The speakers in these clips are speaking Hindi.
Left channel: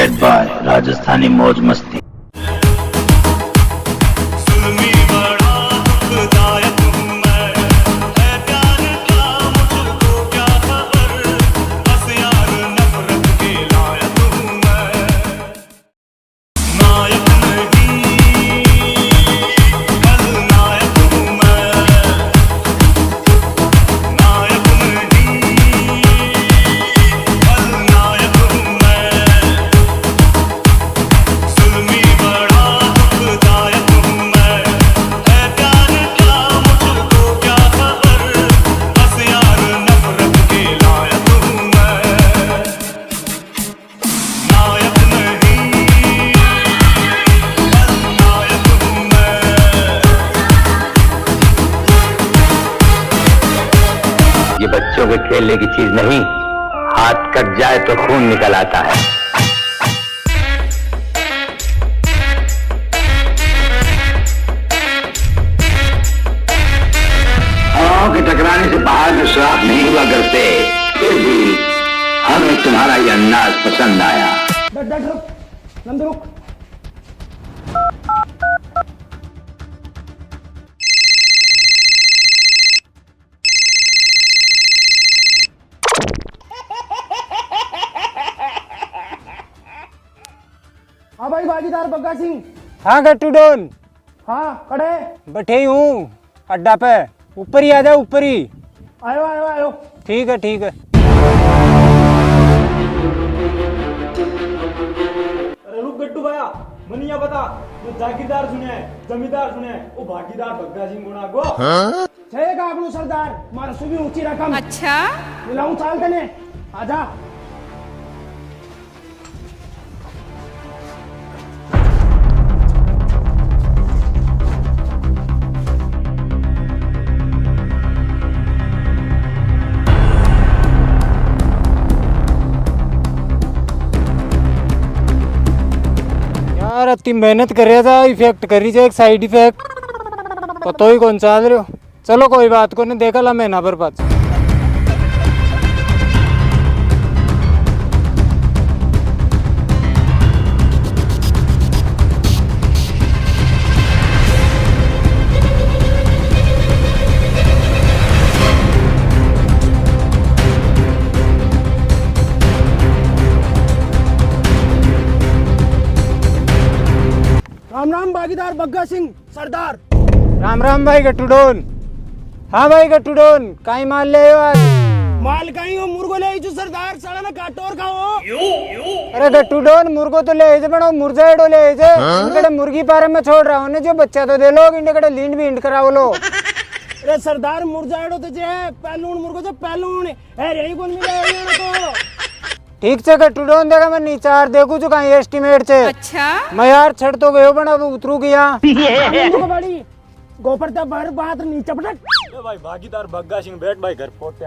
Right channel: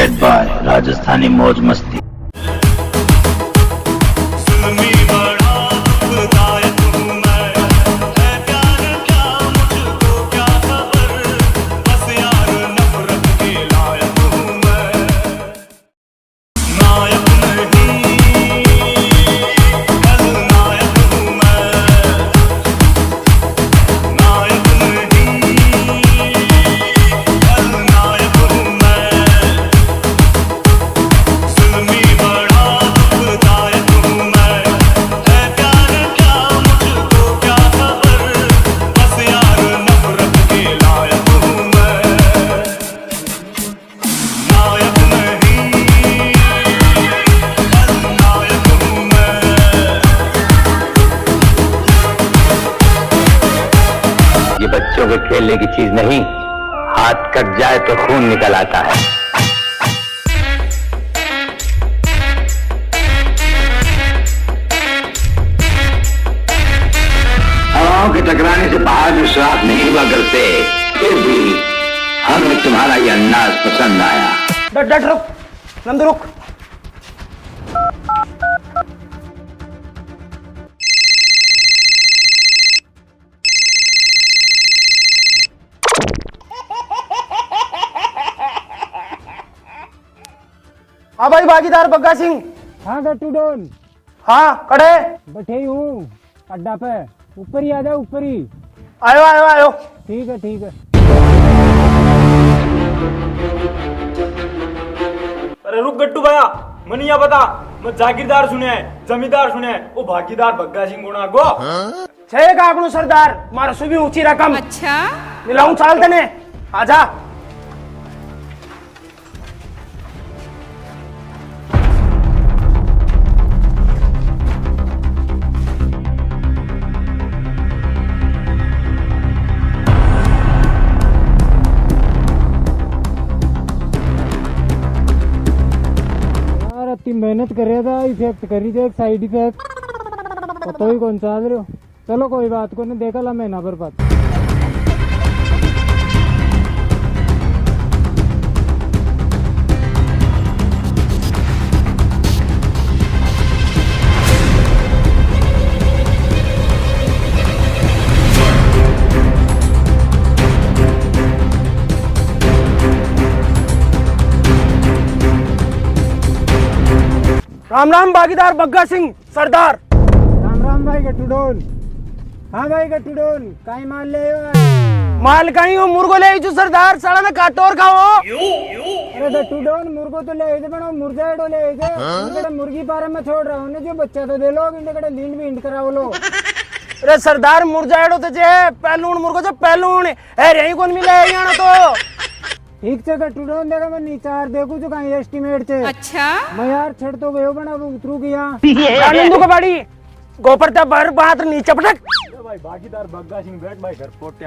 बैड बॉय राजस्थानी मौज मस्ती। ये बच्चों के खेलने की चीज नहीं, हाथ कट जाए तो खून निकल आता है। हवाओं के टकराने से पहाड़ में सुराख नहीं हुआ करते, फिर भी हमें तुम्हारा ये अंदाज पसंद आया। डट रुक, नंदू रुक। हाँ भाई भागीदार बग्गा सिंह। हाँ गट्टू डोन। हाँ कड़े बैठे हूँ अड्डा पे, ऊपर ही आ जाओ, ऊपर ही। आयो आयो आयो। ठीक है ठीक है। अरे रुक गट्टू भैया, मनिया बता, मैं जागीरदार सुने है, जमींदार सुने है, वो भागीदार बग्गा सिंह गुणा गो। छे कागणु सरदार, मारा सुबह ऊंची रकम। अच्छा मिलाऊं चाल तने, आजा। यार इतनी मेहनत कर रहा था, इफेक्ट कर रही है एक साइड इफेक्ट, पता ही कौन सा रहे हो। चलो कोई बात को नहीं, देखा ला महीना भर बाद। राम राम भागीदार बग्गा सिंह सरदार। राम राम भाई गट्टू डोन। हाँ भाई गट्टू डोन, काई माल ले हो आज? माल कहीं हो, मुर्गो ले जो सरदार, साला ना काटो और खाओ। अरे गट्टू डोन, मुर्गो तो ले बनो, मुर्जा एडो ले इनकड़े मुर्गी पारे में छोड़ रहा हूँ, जो बच्चा तो दे लो, इनकड़े लींड भी इंड कराओ लो। अरे सरदार मुर्जा एडो तो जे पहलून मुर्गो जो पहलून है, यही कौन मिले यहाँ तो। ठीक से गट्टू डोन, देखा मैं नीचार देखू जो कहीं एस्टिमेट से। अच्छा मैं यार छड़ तो गयो बना, उतरू गया को बाड़ी गोपर तब भर बात नीचे पटक। भाई भागीदार बग्गा सिंह बैठ भाई घर पोटे।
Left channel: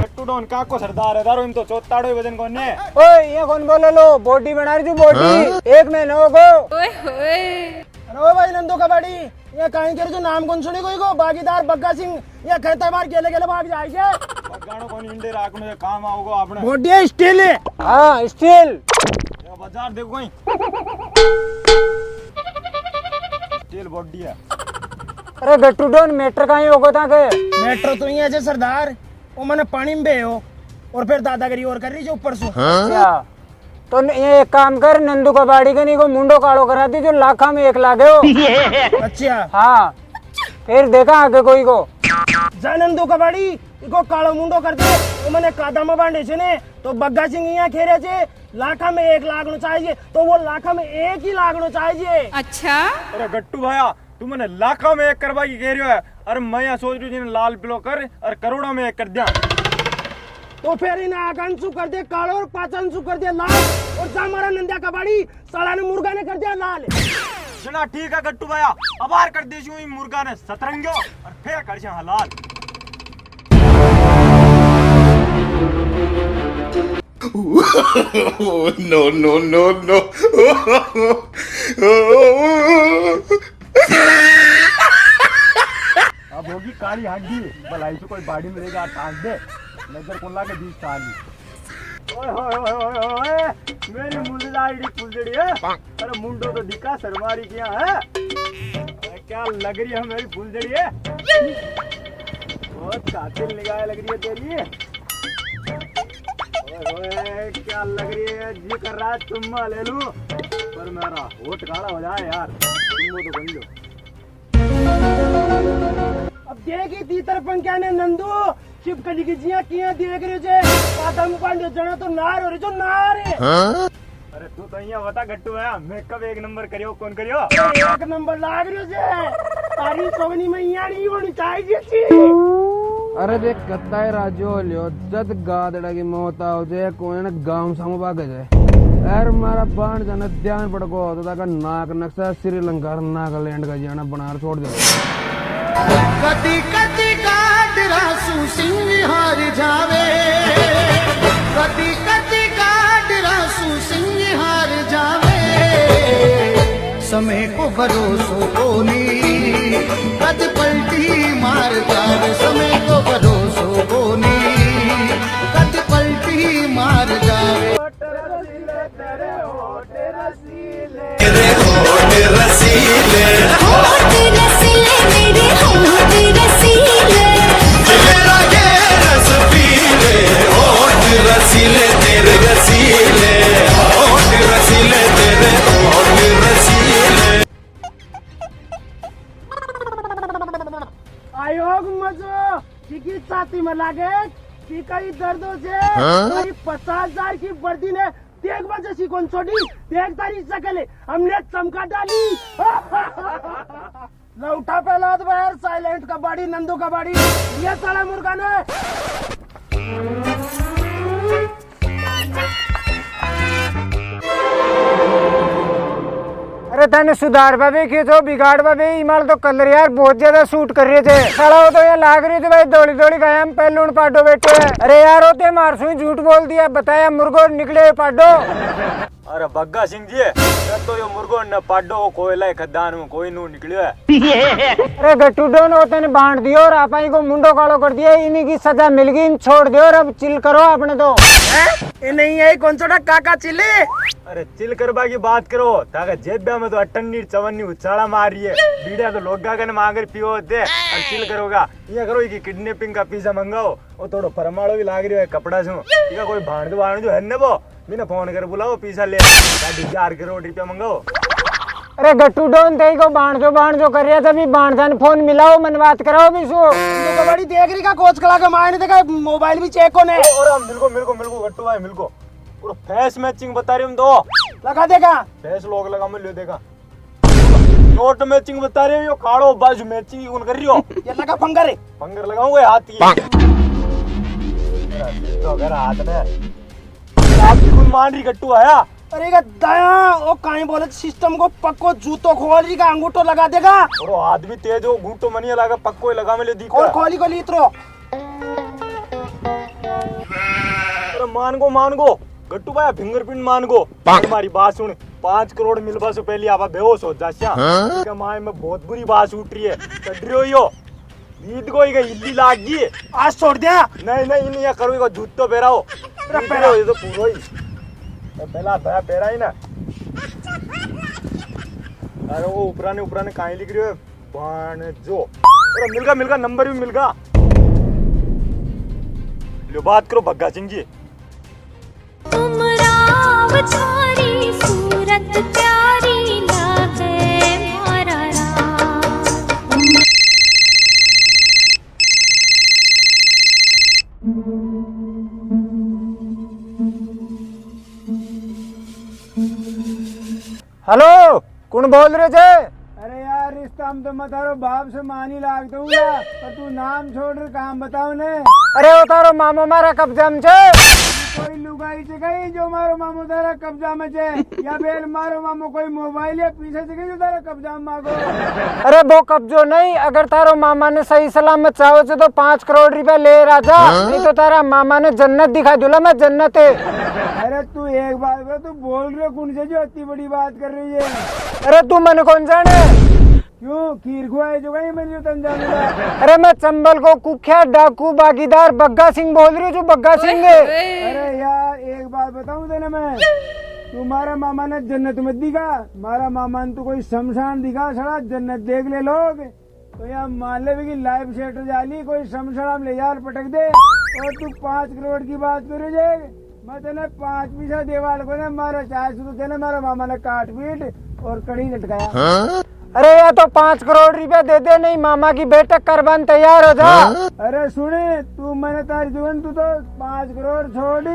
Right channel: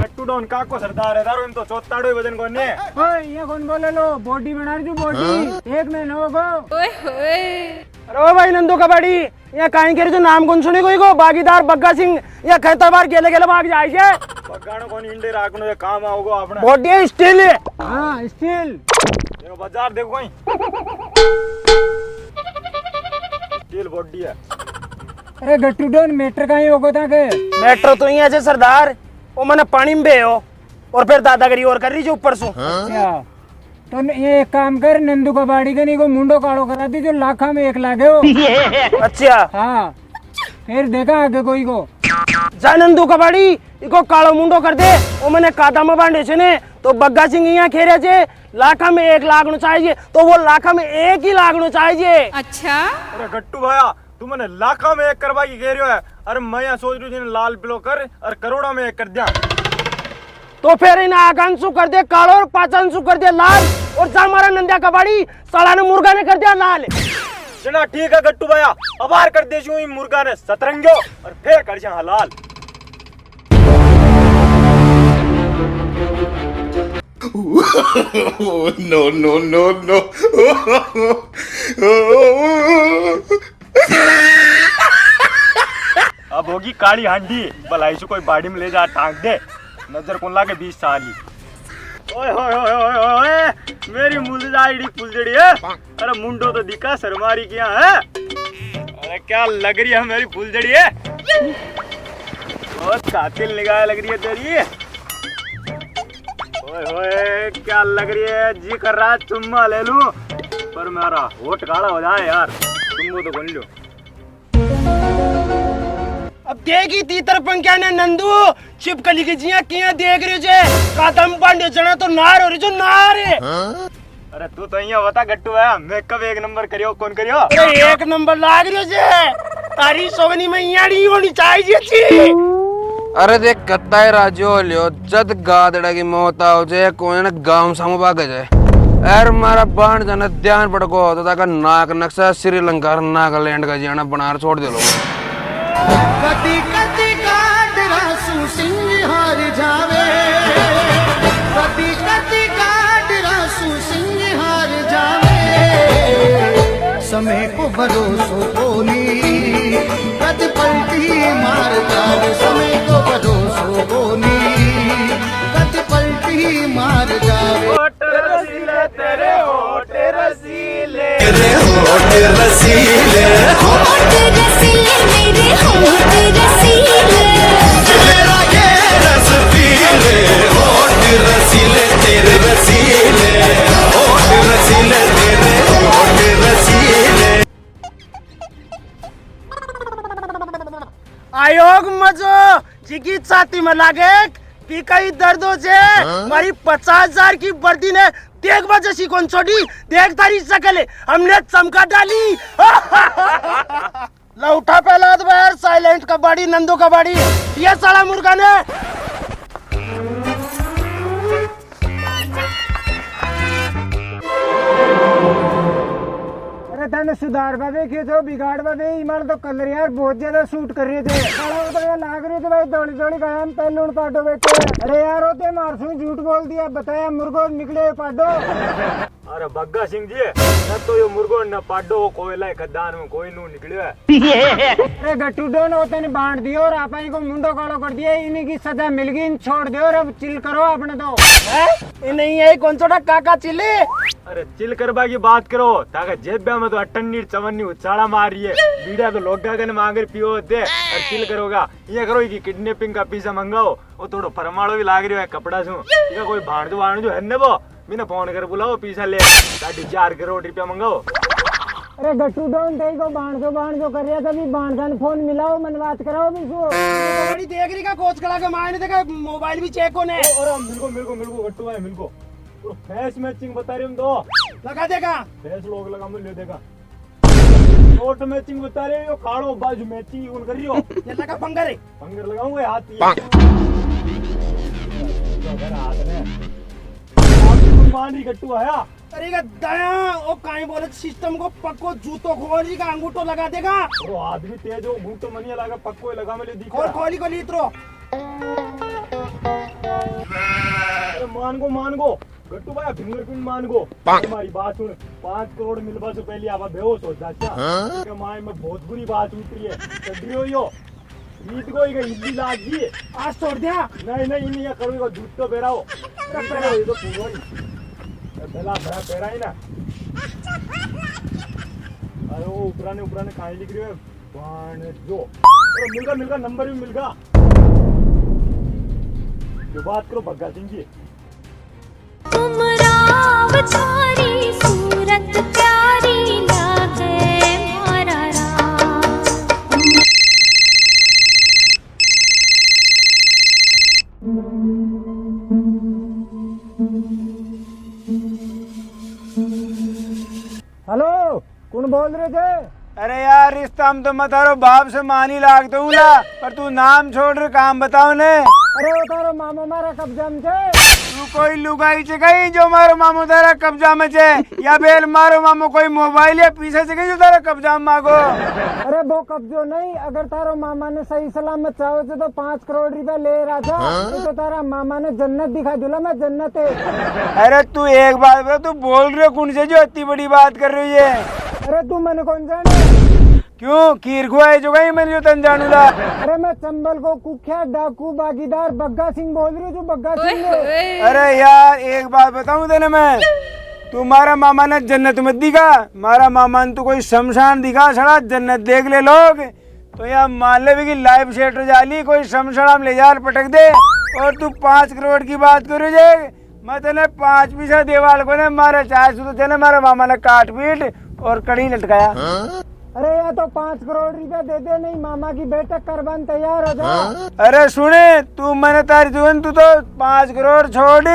गट्टू डोन काको सरदार है, दारो इन तो चोताड़ो वजन कोन ने। ओए ये कौन बोले लो, बॉडी बना रही जो बॉडी, एक महीना हो गो। ओए होए अरे भाई नंदू कबाड़ी, ये काहे के जो नाम कौन सुनी कोई को, भागीदार बग्गा सिंह, ये कहता बार गेले गेले भाग जाए छे। बगाणो कोन इंडे राखनो ये काम आओगो आपने। बॉडी स्टील है। हाँ स्टील। ये बाजार देखो कोई स्टील बॉडी है। अरे गट्टू डोन, मेट्रो कहीं होगा था के? मेट्रो तो ही है सरदार, वो मैंने पानी में बे हो और फिर दादागिरी और कर रही जो ऊपर से। क्या तो ये एक काम कर, नंदू का बाड़ी के नहीं को मुंडो कालो करा दी, जो लाखा में एक लागे हो। अच्छा हाँ फिर देखा आगे कोई को जा नंदू कबाड़ी इको कालो मुंडो कर दे, वो मैंने कादा में बांधे छे ने, तो बग्गा सिंह यहाँ खेरे छे, लाखा में एक लागनो चाहिए, तो वो लाखा में एक ही लागनो चाहिए। अच्छा अरे गट्टू भाया, तू मैंने लाखा में एक करवा की कह रही है, अरे मैं यहाँ सोच रही हूँ लाल पिलो कर और करोड़ों में एक कर दिया। तो फिर इन आकांशु कर दे कालो और पाचनसु कर दे लाल, और जा हमारा नंदिया कबाड़ी साला ने मुर्गा ने कर दिया लाल। चला ठीक है गट्टू भाया, अबार कर दे मुर्गा ने सतरंगो और फिर कर जा लाल। No, no, no, no. अब होगी की काली हांडी भलाई से कोई बाड़ी में ले जा टांग दे नजर कौन लागे 20 साल ओए होए होए होए मेरी मुलजाइडी फुलजड़ी है अरे मुंडो तो दिखा सरमारी क्या है अरे क्या लग रही है मेरी फुलजड़ी है बहुत कातिल निगाह लग रही है तेरी ओए ओए क्या लग रही है जी कर रहा है चुम्मा ले लूं पर मेरा होठ काला हो जाए यार तुम तो बन लो अब देगी तीतर पंख्या ने नंदू छिपकली की जिया किया देख रहे जे कादम पांडे जना तो नार हो रही जो नार है अरे तू तो यहाँ बता गट्टू है मेकअप एक नंबर करियो कौन करियो एक नंबर लाग रही जे तारी सोगनी में याड़ी होनी चाहिए थी अरे देख कत्ता है राजो लियो जद गादड़ा की मौत आओ जे कोई न गांव सामू भाग जाए यार मारा बाण जाना ध्यान पड़को तो ताका नाक नक्शा श्रीलंका नागालैंड का जाना बनार छोड़ दे लो कति कति काट रासू सिंह हार जावे कति कति काट रासू सिंह हार जावे समय को भरोसो कोनी कद पलटी मार जावे समय को भरोसो कोनी कद पलटी मार जावे तेरे होठ रसीले तेरे होठ रसीले होठ रसीले मेरे होठ रसीले तेरा ये रस पीले होठ रसीले तेरे रसीले होठ रसीले तेरे होठ रसीले आयोग मजो चिकित्साती में लागे कि कहीं दर्द हो जे कहीं 50,000 की वर्दी ने देख बजे कौन छोड़ी देख तारी शकल हमने चमका डाली लौटा पहला तो यार साइलेंट कबाड़ी नंदू कबाड़ी ये साला मुर्गा ने अरे तने सुधार बाबे के तो बिगाड़ बाबे इमाल तो कलर यार बहुत ज्यादा सूट कर रहे थे साला वो तो ये लाग रही थी भाई दौड़ी दौड़ी गए हम पहले उन पाडो बैठे अरे यार होते मारसू झूठ बोल दिया बताया मुर्गो निकले पाडो अरे बग्गा सिंह जी न तो यो मुर्गो न पाडो कोयला खदान में कोई नू निकलियो है अरे गट्टू डोन होते ने बांट दियो और आप को मुंडो कालो कर दिया इन्हीं की सजा मिल गई छोड़ दियो और अब चिल करो अपने तो नहीं है कौन सा काका चिल्ले अरे चिल करबा की बात करो ताका जेब में तो अटन्नी चवन्नी उछाड़ा मार रही है बीड़ा के लोग गन मांगे पियो दे और चिल करोगा ये करो कि किडनैपिंग का पीसा मंगाओ वो थोड़ो फरमाड़ो भी लाग रही है कपड़ा से ठीक है कोई भाणजो है ने वो बिना फोन कर बुलाओ पीसा ले 4 करोड़ रुपया मंगाओ अरे गट्टू डोन ते को बाणजो कर रहा था भी बाणजान फोन मिलाओ मन बात कराओ भी सो बड़ी देख रही का कोच खड़ा के मायने देखा मोबाइल भी चेक होने और मिलको गट्टू भाई मिलको पूरा फेस मैचिंग बता रही हूं दो लगा देगा फेस लोग लगा मैं ले देगा नोट मैचिंग बता रही हो खाड़ो बाजू मैचिंग कौन कर रही हो ये लगा पंगर लगाऊंगा हाथ ही तो अगर हाथ में आप मान रही गट्टू आया अरे का दया ओ काई बोले सिस्टम को पक्को जूतो खोल रही का अंगूठो लगा देगा और हाथ भी तेज हो घूंटो मनिया लगा पक्को लगा में ले दी और खोली को लीत्रो अरे मान गो गट्टू भाई फिंगरप्रिंट मान गो तुम्हारी बात सुन 5 करोड़ मिलवा से पहले आप बेहोश हो जा क्या माय में बहुत बुरी बात उठ रही है चढ़ रही हो ईद को इल्ली लाग गई आज छोड़ दिया नहीं या करो दूध तो पेरा हो ये तो पूरा ही पहला पेरा ही ना अरे वो ऊपराने कहीं लिख रही है बाणजो अरे मिलगा नंबर भी मिलगा लो बात करो भग्गा सिंह जी तुम राव छारी सूरत प्यारी लागे मारा राम हेलो कौन बोल रहे थे अरे यार रिश्ता हम तो मत तारो बाप से मानी लागते हूँ ना पर तू नाम छोड़ रहे काम बताओ ने अरे वो तारो मामो मारा कब्जा में छे तू कोई लुगाई से गई जो मारो मामो तारा कब्जा में छे या बेल मारो मामो कोई मोबाइल या पीछे से गई जो तारा कब्जा में मांगो अरे वो कब्जो नहीं अगर तारो मामा ने सही सलामत चाहो से तो 5 करोड़ रुपया ले रहा था नहीं तो तारा मामा ने जन्नत दिखा दूला मैं जन्नत है अरे तू एक बात तू बोल रहे हो कौन से जो इतनी बड़ी बात कर रही है अरे तू मन कौन जाने क्यों खीर खुआई जो गई मैंने जो तंजानुला। अरे मैं चंबल को कुख्यात डाकू बागीदार बग्गा सिंह बोल रही हूँ, जो बग्गा सिंह है। अरे यार एक बात बताऊं तेने मैं, तुम्हारा मामा ने जन्नत मत दिखा, मारा मामा ने तो कोई शमशान दिखा, सड़ा जन्नत देख ले लोग। तो यहाँ मान ले भी कि लाइव शेटर जाली कोई शमशान ले जाल पटक दे, और तू 5 करोड़ की बात करो जे। मैं तेने 5 पैसा देवाल को ने मारा चाहे तो तेने मारा मामा ने काट पीट और कड़ी लटकाया। अरे या तो 5 करोड़ रुपया दे दे, नहीं मामा की बैठक करवाने तैयार हो जा। अरे सुने तू मैंने तारी जुगन तू तो 5 करोड़ छोड़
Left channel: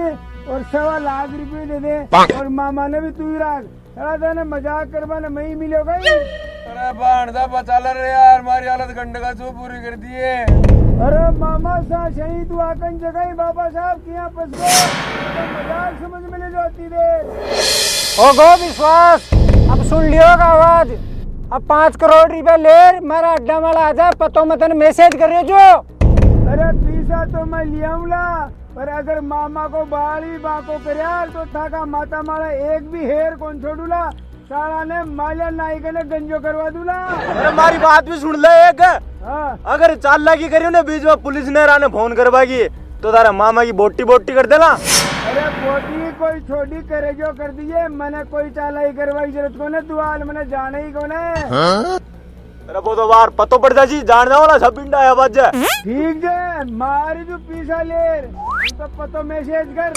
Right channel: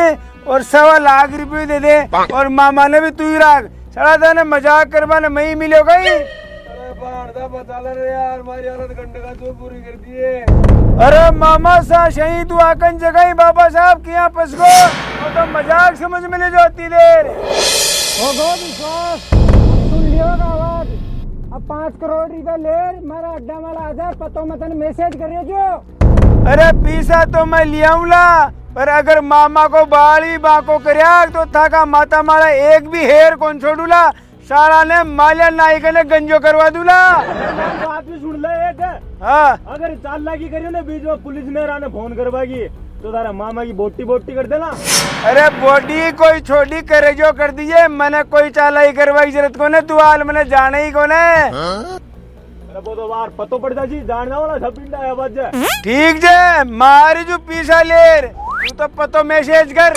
और 1.25 लाख रुपये दे दे, और मामा ने भी तू ही रख, सड़ा था मजाक करवाने मैं ही मिलो गई। अरे बांधा बचा ले यार, हमारी हालत गंडे का जो पूरी कर दी है। अरे मामा सा शही तू आकन जगह बाबा साहब किया पसको, तो मजाक समझ में ले जाती देर हो गो विश्वास। अब सुन लियो का आवाज, अब 5 करोड़ रुपया ले, मेरा अड्डा वाला आ जाए, पतो मैं तेने मैसेज कर रही जो। अरे पैसा तो मैं लिया पर अगर मामा को बाली बाको करया तो थाका माता मारा एक भी हेर कौन छोड़ूला, सारा ने माल्या नायक ने गंजो करवा दूला। हमारी बात भी सुन ले एक। हाँ अगर चालाकी करी ने बीच में पुलिस ने राने फोन करवागी तो तारा मामा की बोटी बोटी कर देना। अरे बोटी कोई छोटी करे जो कर दीजिए, मैंने कोई चालाई करवाई जरूरत को ने, तू हाल मैंने जाना ही को ने। अरे वो तो बार पतो पड़ जा जी, जानने वाला सब पिंडा है आवाज। ठीक जे मारी जो पीसा ले तू तो पतो मैसेज कर।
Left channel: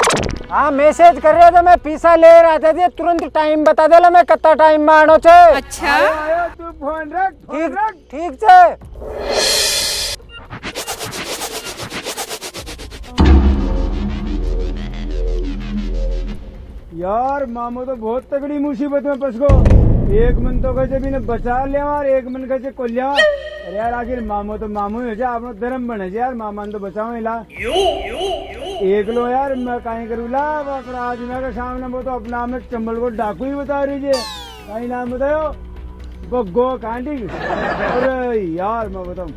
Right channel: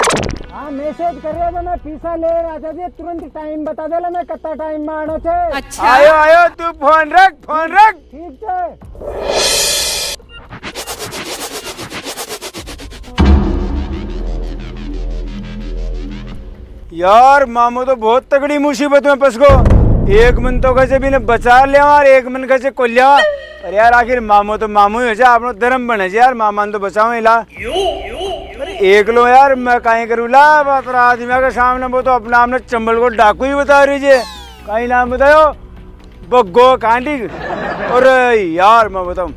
हाँ मैसेज कर रहे तो मैं पीसा ले रहा था, तुरंत टाइम बता दे मैं कितना टाइम मानो छे। अच्छा आयो आयो तू फोन रख ठीक छे। यार मामो तो बहुत तगड़ी मुसीबत में फंस गो, एक मन तो कैसे भी ने बचा लिया और एक मन कैसे को लिया। अरे यार आखिर मामो तो मामू ही हो जाए, आपनो धर्म बने यार, मामा ने तो बचाओ इला एक लो यार, मैं कहीं करूँला आदमी के सामने, वो तो अपना आपने चंबल को डाकू ही बता रही है। कहीं नाम बताओ बग्गो कांडी। और यार मैं बताऊँ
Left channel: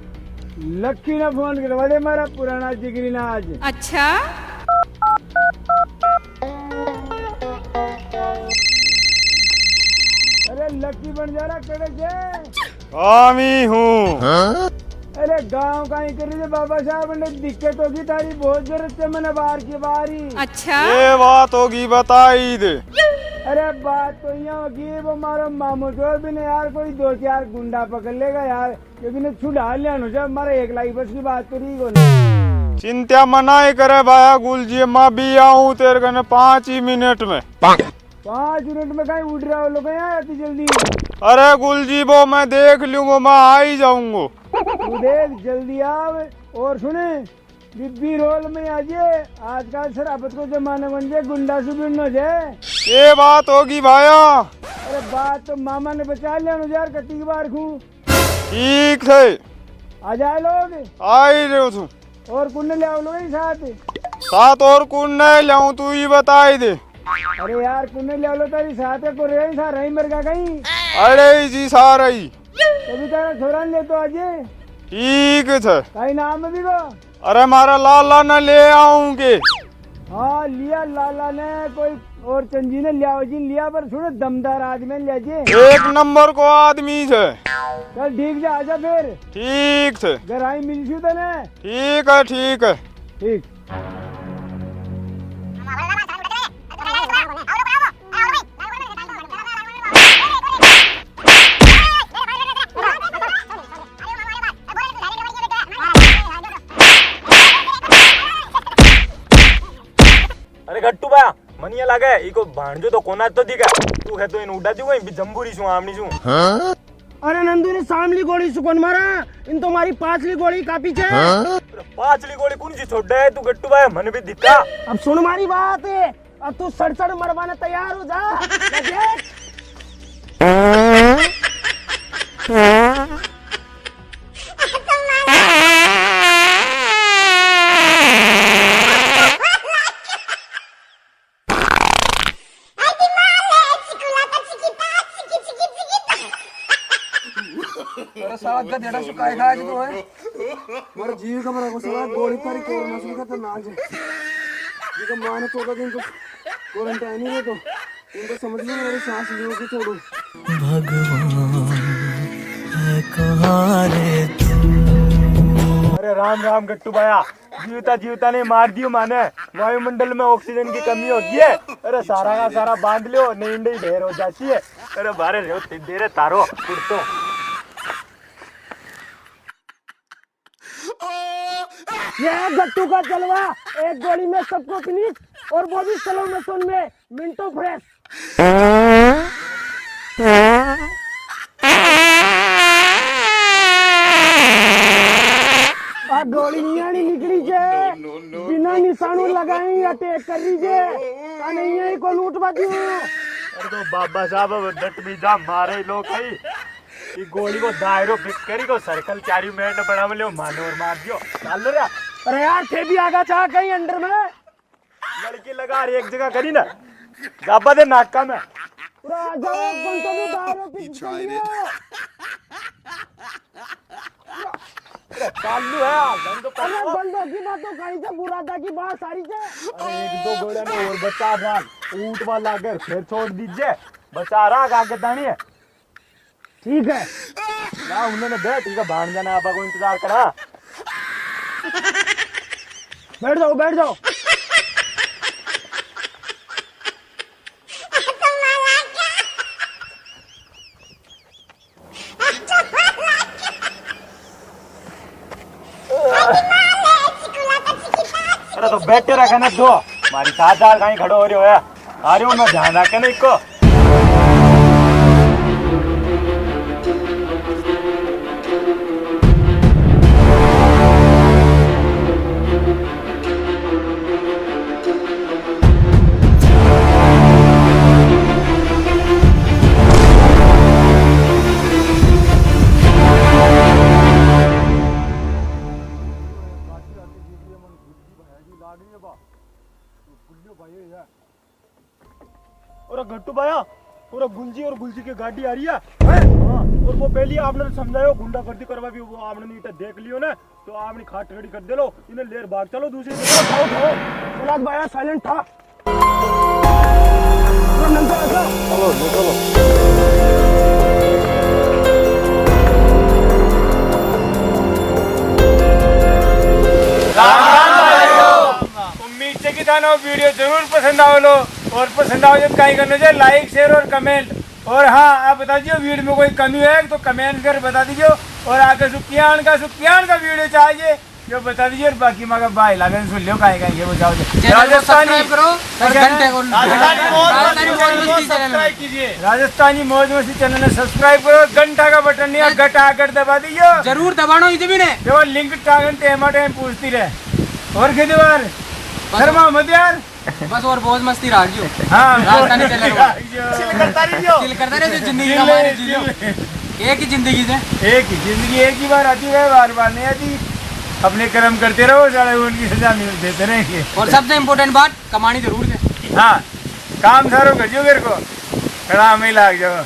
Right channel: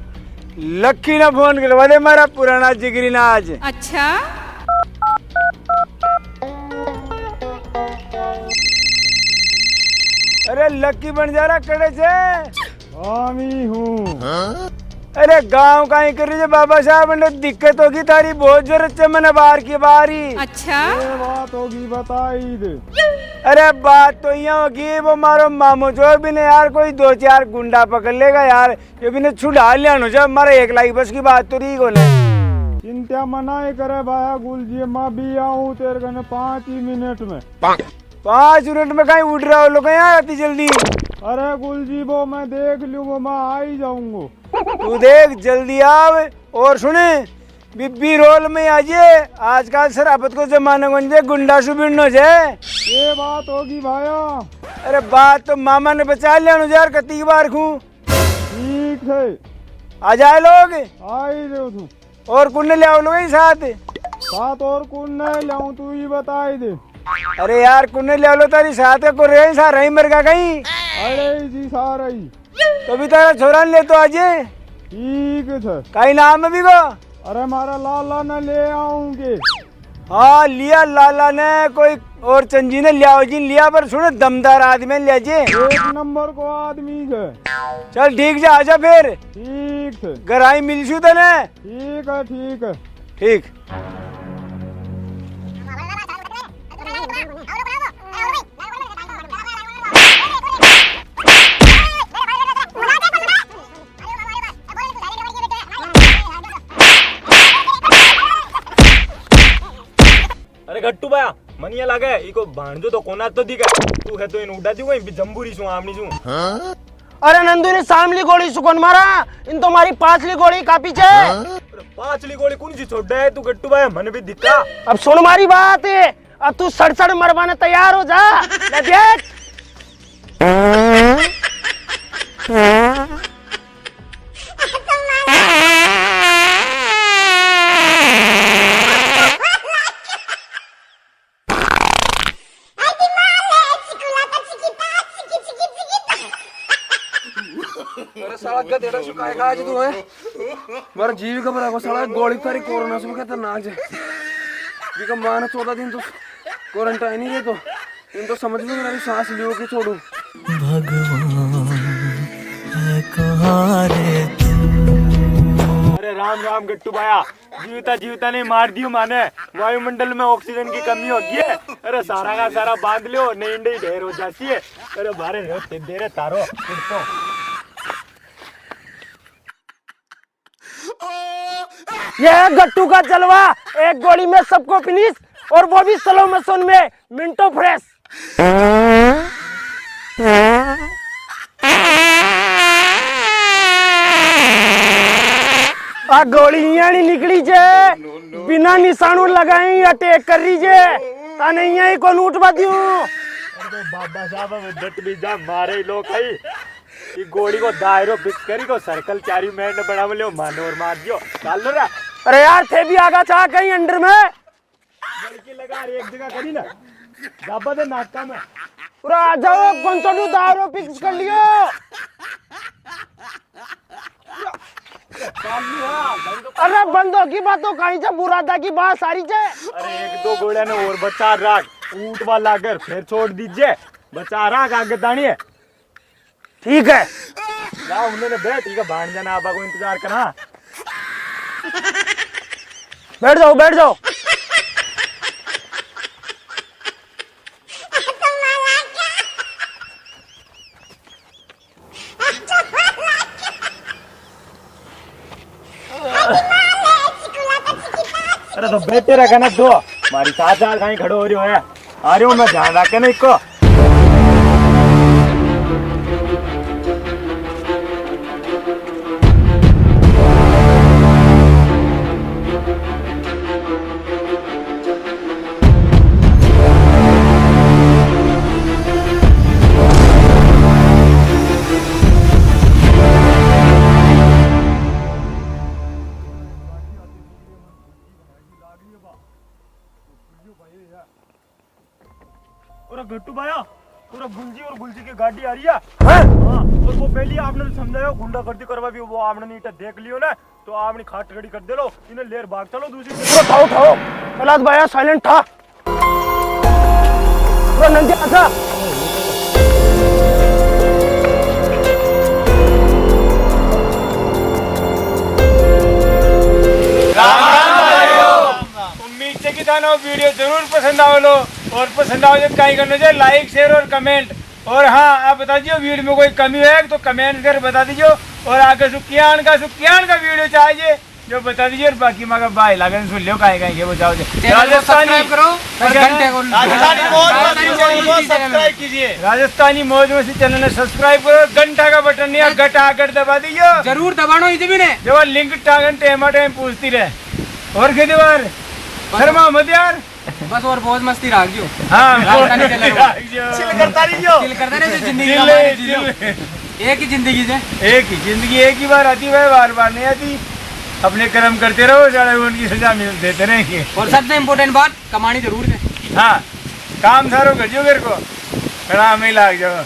लक्की ना फोन करवा दे, मेरा पुराना जिगरी ना आज। अच्छा अरे लक्की बन जा रहा कड़े से। हामी हूँ। अरे गांव कहीं कर रही है बाबा साहब, ने दिक्कत होगी तारी बहुत जरूरत है, मैंने बाहर की बारी। अच्छा ये बात होगी बताई दे। अरे बात तो यहाँ होगी, वो मारो मामू जो भी ने यार कोई 2-4 गुंडा पकड़ लेगा यार, ये भी ने छुड़ा लिया नो, जब हमारा 1 लाख बस की बात तो रही को नहीं। चिंता मना ही करे भाया गुल जी, मैं भी आऊँ तेरे कने 5 ही मिनट में। 5 मिनट में कहीं उड़ रहा हो लोग यहाँ आती जल्दी। अरे गुल जी वो मैं देख लूंगा, मैं आ ही जाऊंगा। तू देख जल्दी आव। और सुने बिब्बी रोल में आजिए, आजकल शराबत को जमाने को गुंडा सुबिन हो जाए। ये बात होगी भाया। अरे बात तो मामा ने बचा लिया यार, कती बार खू। ठीक है आ जाए लोग, आ ही रहे तू। और कुन ले आओ लोग साथ और कुन नहीं लाऊं, तू ही बता ही दे। अरे यार कुन ले लो तारी साथ को रही सा रही मर गा कहीं। अरे जी सारा ही तो भी तारा छोरा ले तो आजे। ठीक है कहीं नाम भी को। अरे मारा लाला न ले आऊंगे। हाँ लिया लाला ने, कोई और चंजी ने लिया जी लिया, पर सुने दमदार आदमी लिया जी, 1 नंबर को आदमी है। चल ठीक जा आजा फिर। ठीक है घर आई मिलशू तने। ठीक है ठीक है ठीक। अरे गट्टू भाया मनिया लगा इको भांजो तो कोना तो दिखा, तू है तो इन उड़ा दी कोई जंबूरी सु आमनी सु। अरे नंदू ने सामली गोली सुकन मारा, इन तो मारी 5ली गोली का पीछे। 5ली गोली कौन सी छोड़ दे तू गट्टू भाया, मन भी दिखा। अब सुन मारी बात है, अब तू सड़ मरवाने तैयार हो जा। देख साला गधेड़ा सुखाई खा जी तू है, मारा जीव का बड़ा को साला गोली कारी कोरोना से खतरनाक है। ये का मान 14 दिन तो क्वारंटाइन ही है, तो इन तो समझ नहीं मेरी सांस लियो के छोड़ो। भगवान है मारे तू। अरे राम राम गट्टू भाया, जीवता जीवता ने मार दियो माने। वायुमंडल में ऑक्सीजन की कमी होती है। अरे सारा का सारा बांध लियो, नींद ही ढेर हो जाती है। अरे बारे दे रहे तारो तो। ये है गट्टू का जलवा, एक गोली में सबको फिनिश, और वो भी स्लो मोशन में, मिनटो फ्रेश। आ गोली नहीं निकली जे, बिना निशानों लगाई अटैक कर रही जे, ताने यही को लूट बदियो। अरे तो बाबा साहब डट भी जा मारे लोग कई। ये गोली को दायरो फिक्स करी को सर्कल 4 मिनट में बना लियो, मानो और मार दियो डाल लो रा। अरे यार थे भी आगा चाह कहीं अंडर में लड़की लगा रही एक जगह करी ना, गाबा दे नाका में। पूरा आ जाओ, कौन सा दायरो फिक्स कर लियो। अरे बंदों की बातों कहीं से मुरादा की बात सारी से। अरे 1-2 गोलियां ने और बचा रख, ऊंट वाला कर फिर छोड़ दीजिए, बचा रख आगे दानिए। ठीक है ना उन्होंने बैठ ठीक है, भाण जाना आबा को इंतजार करा। बैठ जाओ बैठ जाओ। अरे तो बैठे रहे ना दो, हमारी साथ कहीं खड़ो हो रही हो है। आ रही हूँ मैं, ध्यान रखे ना इसको। और गट्टू भाया, पूरा गुंजी और गुलजी की गाड़ी आ रही है। हाँ? और वो पहले आपने समझायो गुंडा गर्दी करवा भी, वो आपने नीटा देख लियो ना, तो आपने खाट खड़ी कर दे लो, इन्हें लेर भाग चलो दूसरी। उठाओ उठाओ, प्रहलाद भाया साइलेंट था। नंदी आजा। उम्मीद से कि थाना वीडियो जरूर पसंद आओ लो, और पसंद आओ जब कहीं करना चाहिए लाइक शेयर और कमेंट। और हाँ आप बता दीजिए वीडियो में कोई कमी है तो कमेंट कर बता दीजिए, और आगे सुखियान का वीडियो चाहिए जो बता दीजिए। और बाकी मगर भाई लागन सुन लियो कहीं कहीं वो जाओ राजस्थानी करो, सब्सक्राइब कीजिए। राजस्थानी मौज मस्ती चैनल ने सब्सक्राइब करो, घंटा का बटन नहीं है घटा कर दबा दीजिए, जरूर दबानो इसे भी ने जो लिंक टागन टेमा टाइम पूछती रहे। और खेती बार शर्मा मत यार, बस और बहुत मस्ती राख जो। हाँ चिल करता रहे जो जिंदगी एक ही जिंदगी से, एक ही बार आती है, बार बार नहीं आती। अपने कर्म करते रहो, सारे उनकी सजा मिल देते रहेंगे। और सबसे इम्पोर्टेंट बात कमानी जरूर है। हाँ काम सारो कर जो मेरे को खड़ा में लाग जाओ।